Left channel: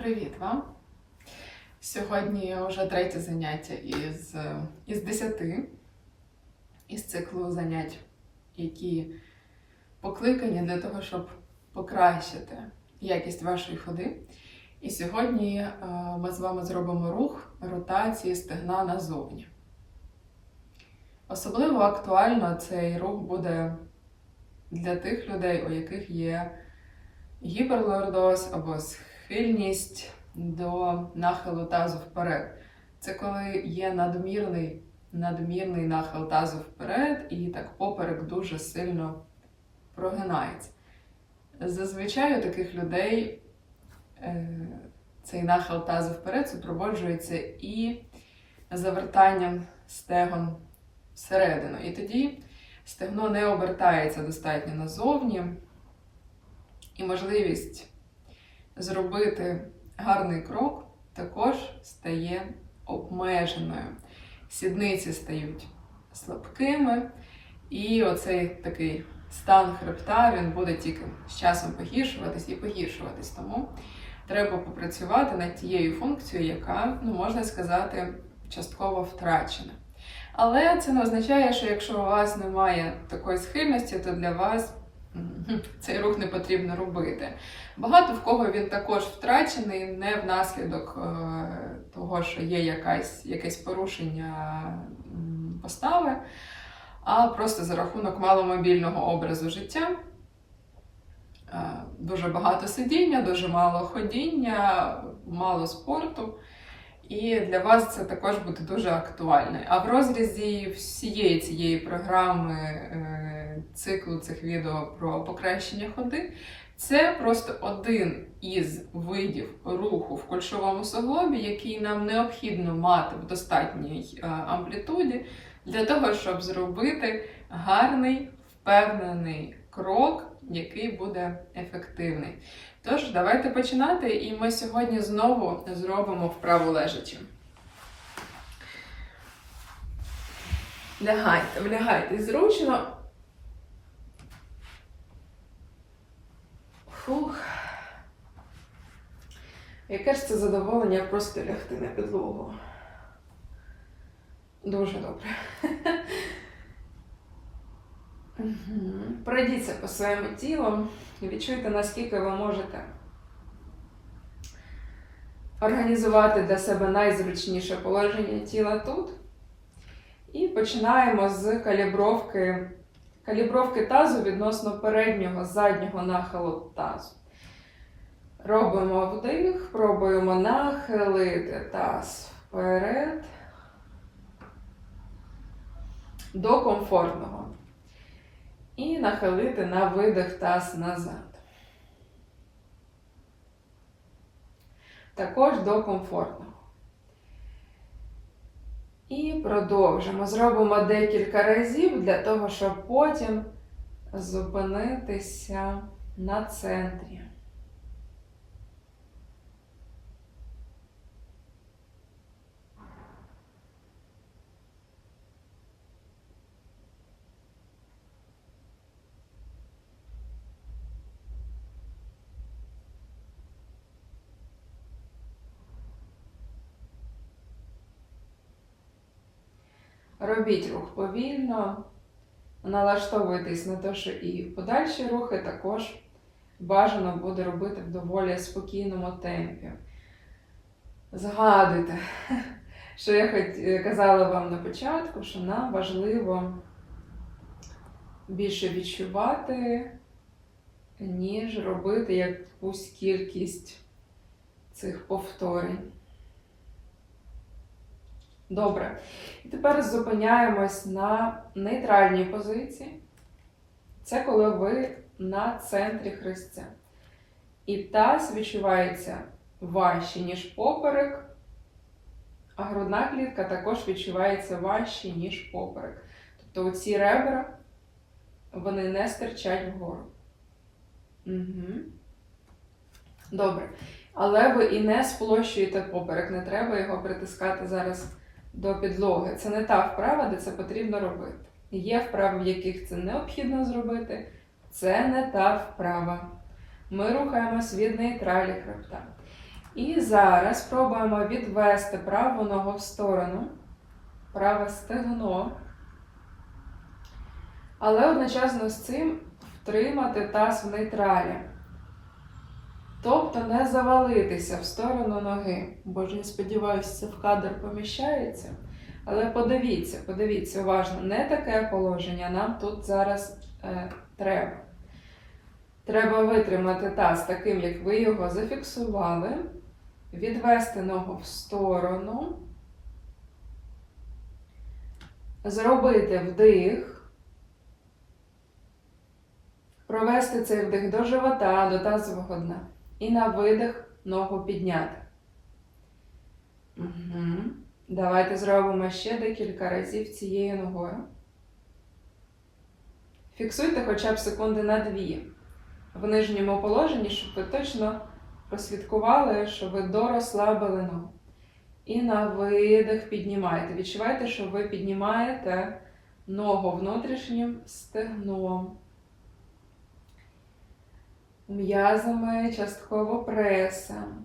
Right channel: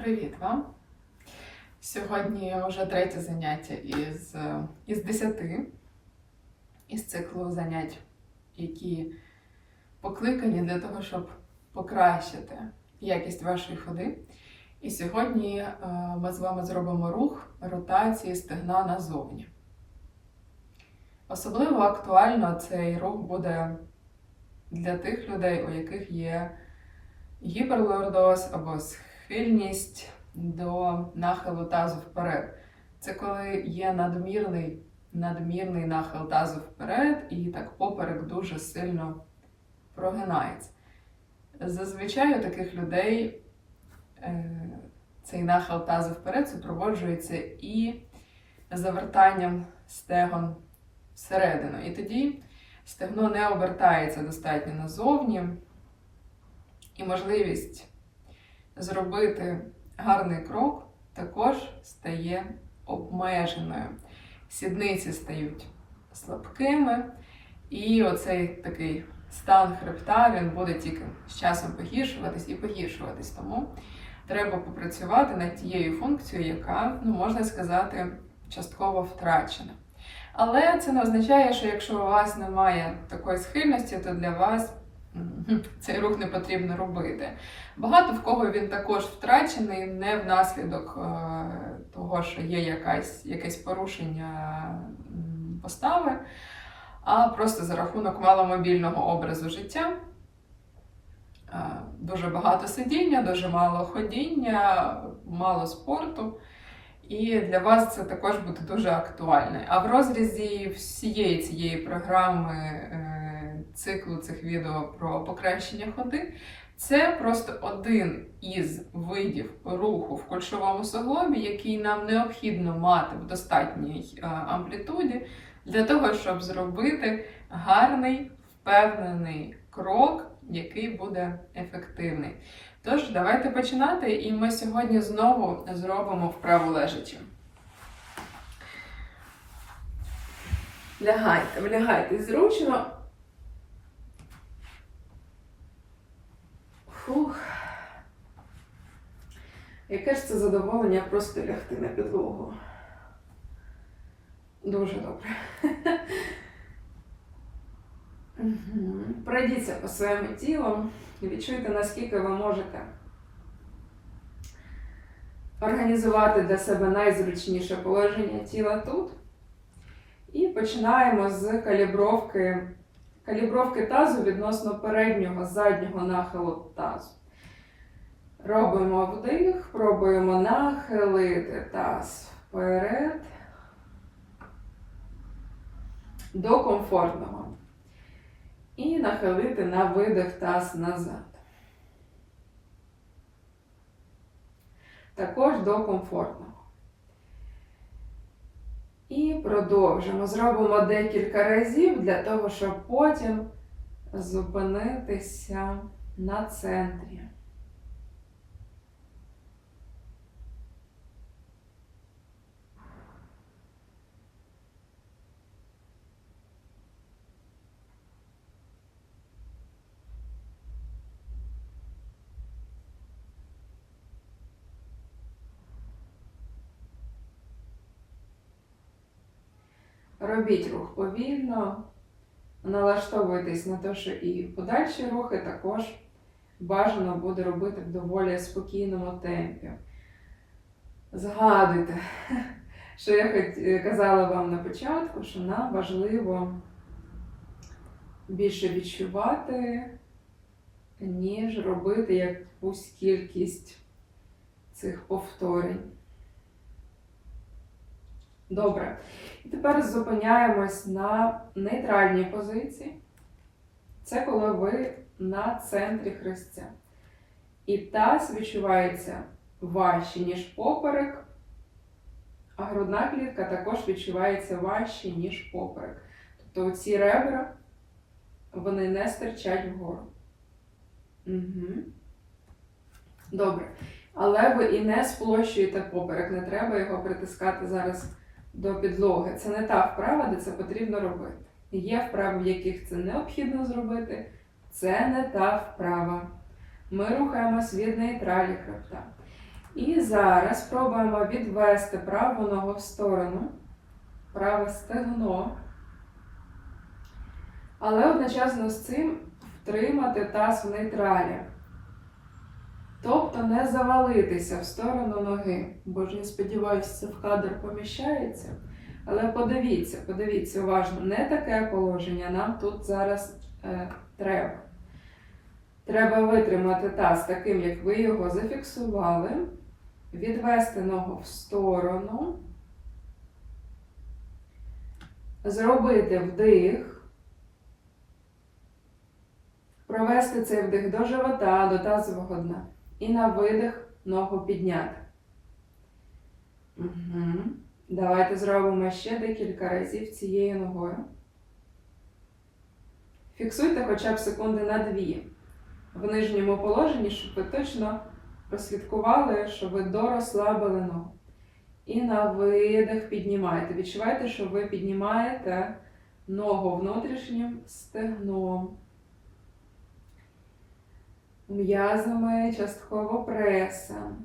Привіт вам! Сьогодні вже третє заняття із, із 10 із циклу занять, які покликані для того, щоб покращити якість вашої ходи. І сьогодні е, ми з вами зробимо рух ротації стегна назовні. Особливо актуально цей рух буде для тих людей, у яких є гіперлордоз або схильність до нахилу тазу вперед. Це коли є надмірний, надмірний нахил тазу вперед, і так поперек дуже сильно прогинається. Зазвичай у таких людей е, цей нахил тазу вперед супроводжується і завертанням стегон всередину. І тоді стегно не обертається достатньо назовні, і можливість зробити гарний крок також стає обмеженою. Сідниці стають слабкими, і оцей такий стан хребта він буде тільки з часом погіршуватись і погіршуватись. Тому треба попрацювати над тією функцією, яка, ну, можна сказати, частково втрачена. Але це не означає, що якщо у вас немає такої схильності, то для вас цей рух не потрібно робити. Багато в кого він також втрачений не внаслідок е, того, що є якась, якесь порушення постави, а просто за рахунок маломобільного образу життя. Е, Дуже багато сидіння, дуже мало ходіння, мало спорту. І для вас це також буде дуже актуально. А в розрізі всієї цієї програми е, циклу цих відео про покращення ходи, це просто один із видів руху в кульшовому суглобі, який нам необхідно мати в достатній е, амплітуді для того, щоб зробити гарний, впевнений крок, який буде ефективний. Тож, давайте починати, і ми сьогодні знову зробимо вправу лежачи. Лягайте, влягайте зручно. Фух. Яке ж це задоволення просто лягти на підлогу. Дуже добре. Пройдіться по своєму тілу і відчуйте, наскільки ви можете організувати для себе найзручніше положення тіла тут. І починаємо з калібровки, калібровки тазу відносно переднього заднього нахилу тазу. Робимо вдих, пробуємо нахилити таз вперед до комфортного. І нахилити на видих таз назад. Також до комфортного. І продовжимо. Зробимо декілька разів для того, щоб потім зупинитися на центрі. Робіть рух повільно, налаштовуйтесь на те, що і подальші рухи також бажано буде робити в доволі спокійному темпі. Згадуйте, що я хоч казала вам на початку, що нам важливо більше відчувати, ніж робити якусь кількість цих повторень. Добре. І тепер зупиняємось на нейтральній позиції. Це коли ви на центрі хрестця. І таз відчувається важче, ніж поперек, а грудна клітка також відчувається важче, ніж поперек. Тобто оці ребра, вони не стирчать вгору. Угу. Добре. Але ви і не сплощуєте поперек, не треба його притискати зараз до підлоги. Це не та вправа, де це потрібно робити. Є вправи, в яких це необхідно зробити. Це не та вправа. Ми рухаємось від нейтралі хребта. І зараз спробуємо відвести праву ногу в сторону, праве стегно. Але одночасно з цим втримати таз в нейтралі. Тобто не завалитися в сторону ноги. Боже, я сподіваюся, це в кадр поміщається. Але подивіться, подивіться уважно, не таке положення нам тут зараз е, треба. Треба витримати таз таким, як ви його зафіксували, відвести ногу в сторону, зробити вдих, провести цей вдих до живота, до тазового дна. І на видих ногу підняти. Угу. Давайте зробимо ще декілька разів цією ногою. Фіксуйте хоча б секунди на дві в нижньому положенні, щоб ви точно прослідкували, що ви дорозслабили ногу. І на видих піднімайте. Відчувайте, що ви піднімаєте ногу внутрішнім стегном. М'язами частково пресом,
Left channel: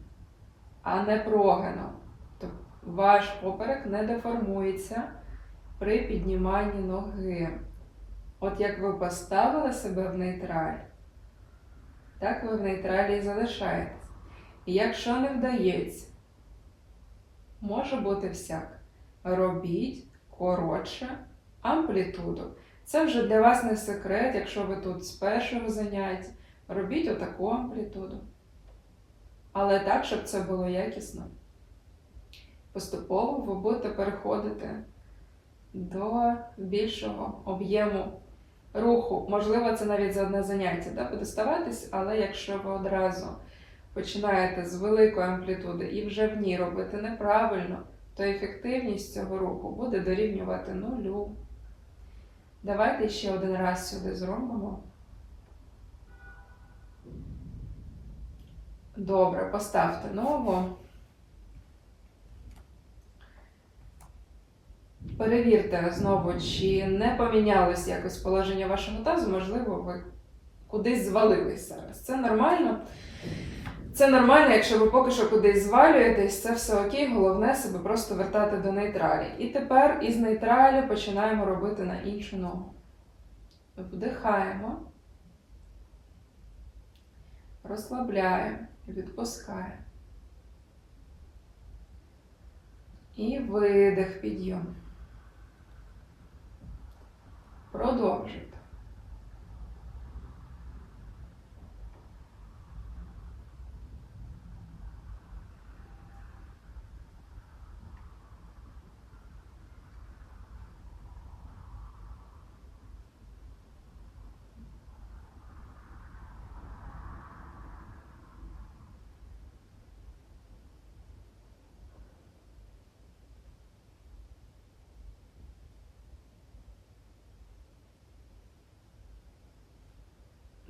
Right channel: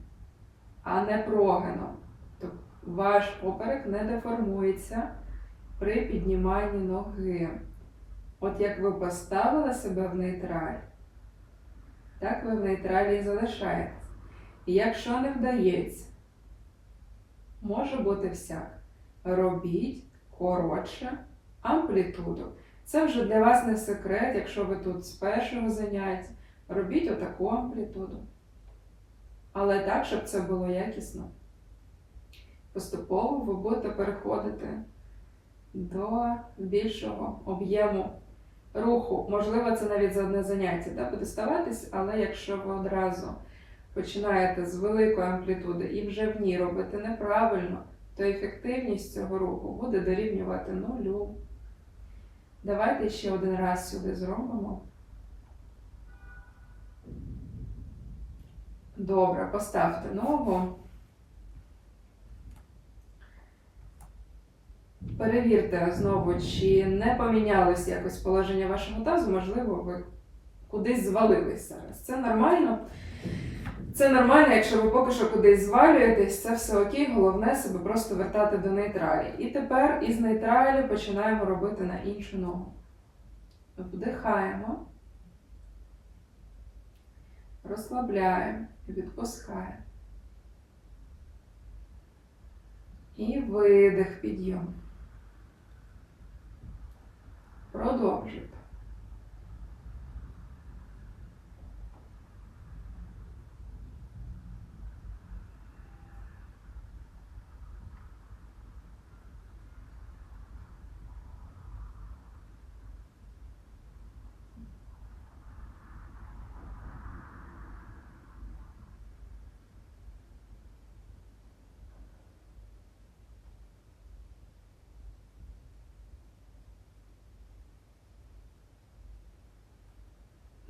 а не прогином. Тобто ваш поперек не деформується при підніманні ноги. От як ви поставили себе в нейтраль, так ви в нейтралі і залишаєтесь. І якщо не вдається, може бути всяк. Робіть коротше амплітуду. Це вже для вас не секрет, якщо ви тут з першого заняття. Робіть отаку амплітуду. Але так, щоб це було якісно. Поступово ви будете переходити до більшого об'єму руху. Можливо, це навіть за одне заняття да, буде ставатись, але якщо ви одразу починаєте з великої амплітуди і вже в ній робити неправильно, то ефективність цього руху буде дорівнювати нулю. Давайте ще один раз сюди зробимо. Добре, поставте ногу. Перевірте знову, чи не помінялось якось положення вашого тазу, можливо, ви кудись звалились зараз. Це нормально. Це нормально, якщо ви поки що кудись звалюєтесь, це все окей, головне себе просто вертати до нейтралі. І тепер із нейтралі починаємо робити на іншу ногу. Вдихаємо, розслабляємо, відпускає. І видих, підйом. Продовжуйте.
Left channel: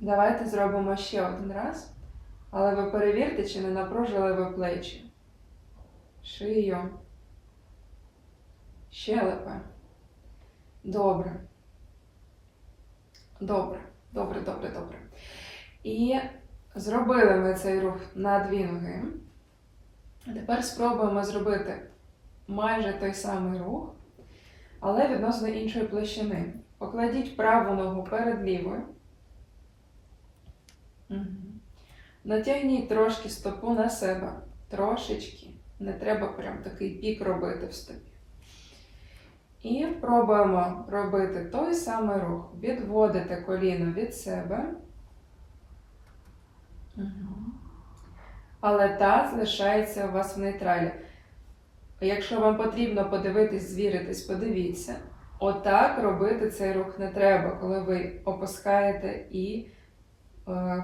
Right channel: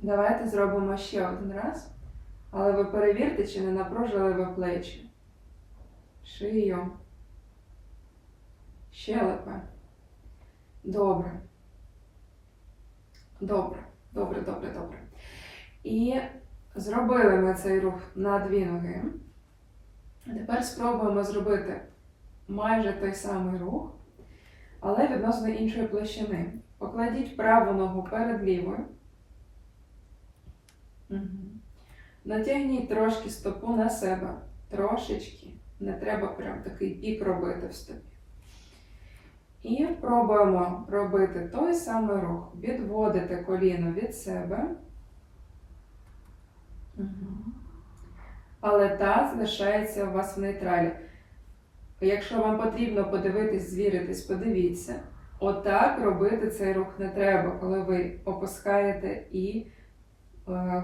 Давайте зробимо ще один раз. Але ви перевірте, чи не напружили ви плечі, шию, щелепи. Добре. Добре, добре, добре, добре. І зробили ми цей рух на дві ноги. Тепер спробуємо зробити майже той самий рух, але відносно іншої площини. Покладіть праву ногу перед лівою. Угу. Натягніть трошки стопу на себе. Трошечки. Не треба прям такий пік робити в стопі. І пробуємо робити той самий рух. Відводите коліно від себе. Але таз лишається у вас в нейтралі. Якщо вам потрібно подивитись, звіритись, подивіться. Отак робити цей рух не треба, коли ви опускаєте і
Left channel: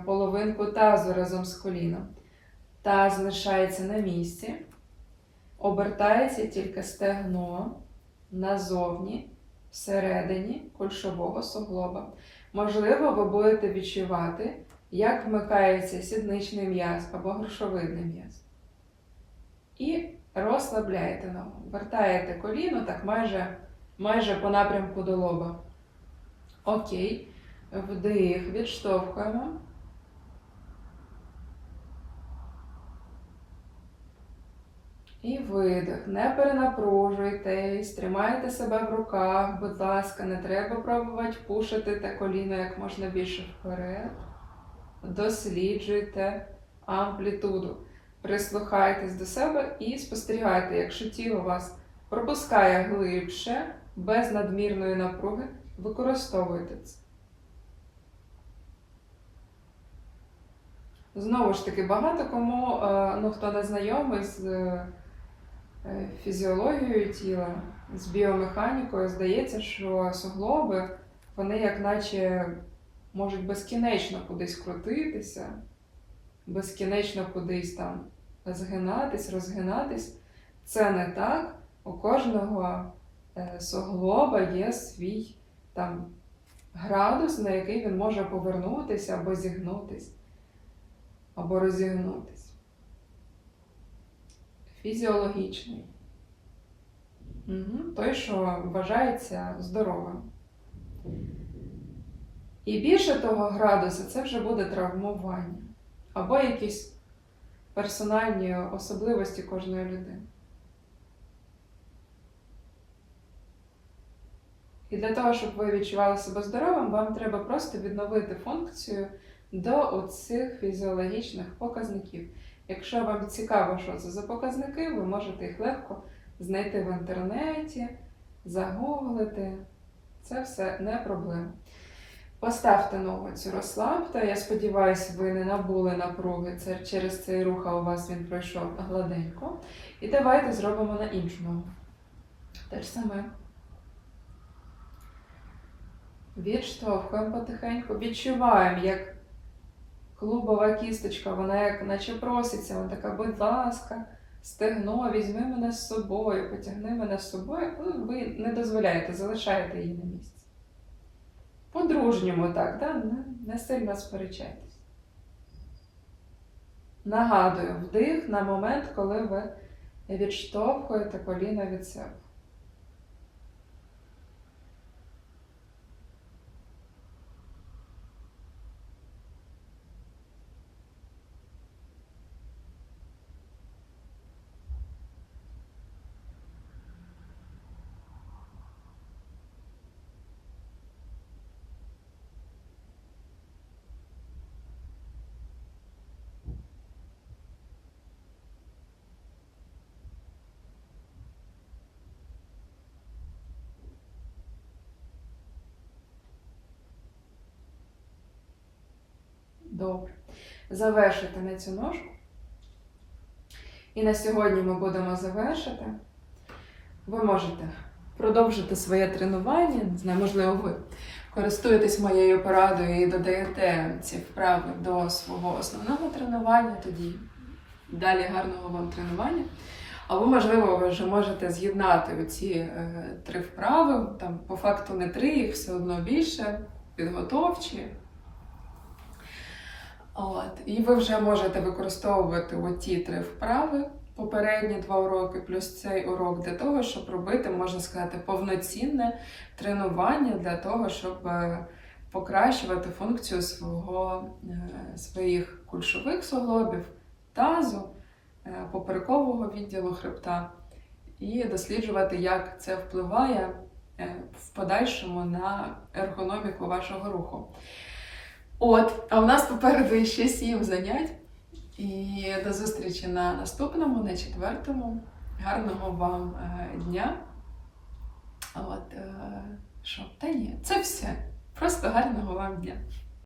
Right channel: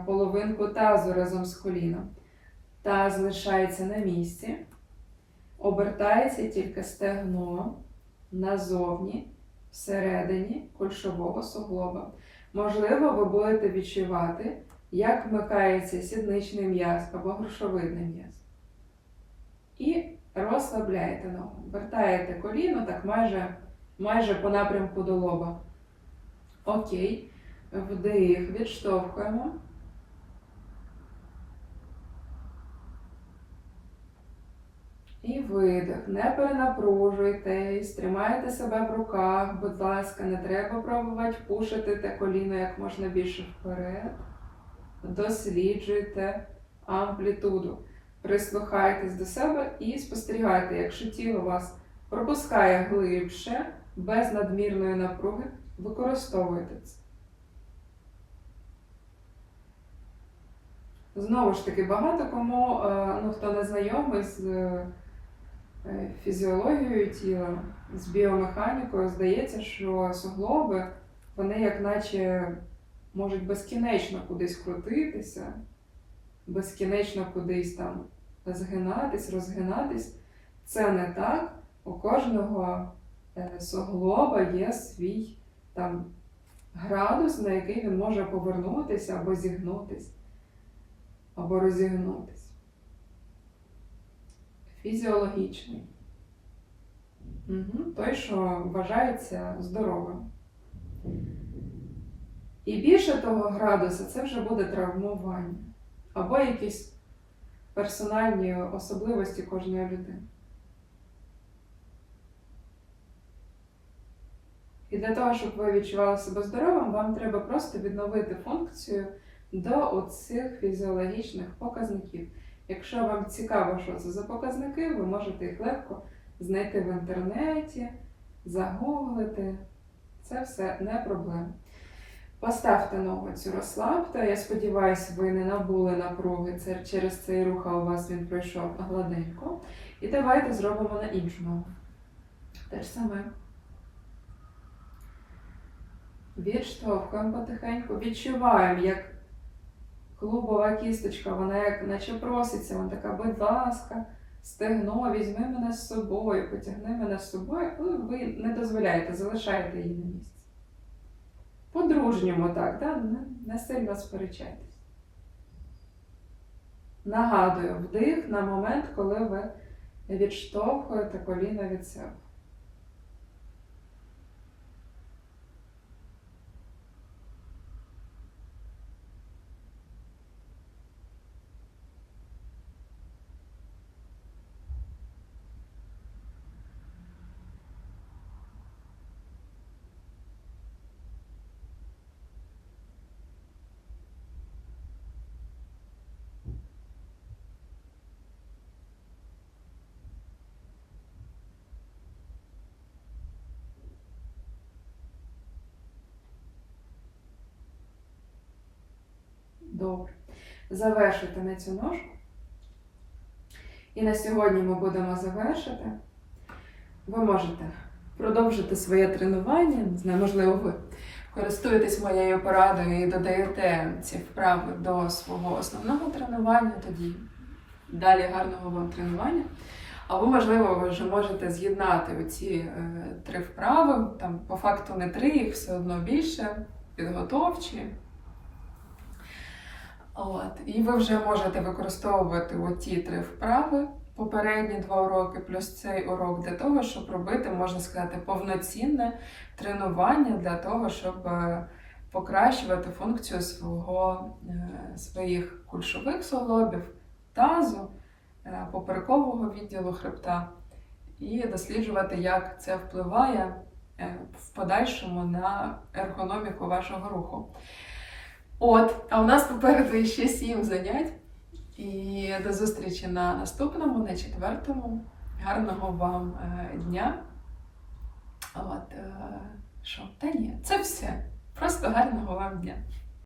половинку тазу разом з коліном. Таз лишається на місці, обертається тільки стегно назовні, всередині кульшового суглоба. Можливо, ви будете відчувати, як вмикається сідничний м'яз або грушовидний м'яз. І розслабляєте ногу. Вертаєте коліно так майже, майже по напрямку до лоба. Окей. Вдих, відштовхуємо. І видих. Не перенапружуйтесь, тримайте себе в руках, будь ласка, не треба пробувати пушити те коліно як можна більше вперед. Досліджуйте амплітуду. Прислухайтесь до себе і спостерігайте, якщо тіло вас пропускає глибше, без надмірної напруги, використовуйте це. Знову ж таки, багато кому, е, ну, хто не знайомий з е, фізіологією тіла, з біомеханікою, здається, що суглоби, вони як наче можуть безкінечно кудись крутитися, безкінечно кудись там згинатись, розгинатись. Це не так. У кожного е, суглоба є свій там градус, на який він може повернутися або зігнутись, або розігнутись. Фізіологічний. Угу. Той, що вважається здоровим. І більше того градуса це вже буде травмування або якісь персональні особливості кожної людини. І для того, щоб ви відчували себе здоровим, вам треба просто відновити функцію до оцих фізіологічних показників. Якщо вам цікаво, що це за показники, ви можете їх легко знайти в інтернеті, загуглити. Це все не проблема. Поставте ногу цю розслабте. Я сподіваюся, ви не набули напруги. Це через цей рух, а у вас він пройшов гладенько. І давайте зробимо на іншу ногу. Те ж саме. Відштовхуємо потихеньку, відчуваємо, як клубова кісточка, вона як наче проситься, вона така, будь ласка, стегно, візьми мене з собою, потягни мене з собою, але ви не дозволяєте, залишаєте її на місці. По-дружньому так, да? не сильно сперечайтесь. Нагадую, вдих на момент, коли ви відштовхуєте коліна від себе. Добре. Завершити на цю ножку. І на сьогодні ми будемо завершити. Ви можете продовжити своє тренування. Не знаю, можливо, ви користуєтесь моєю порадою і додаєте ці вправи до свого основного тренування, тоді далі гарного вам тренування. Або, можливо, ви вже можете з'єднати оці е, три вправи. Там по факту не три, їх все одно більше, підготовчі. От. І ви вже можете використовувати оті три вправи, попередні два уроки, плюс цей урок для того, щоб робити, можна сказати, повноцінне тренування для того, щоб е, покращувати функцію свого, е, своїх кульшових суглобів, тазу, е, поперекового відділу хребта, і досліджувати, як це впливає в подальшому на ергономіку вашого руху. От, а у нас попереду ще сім занять. І до зустрічі на наступному, на четвертому. Гарного вам е, дня. От, е, що? Та ні, це все. Просто гарного вам дня.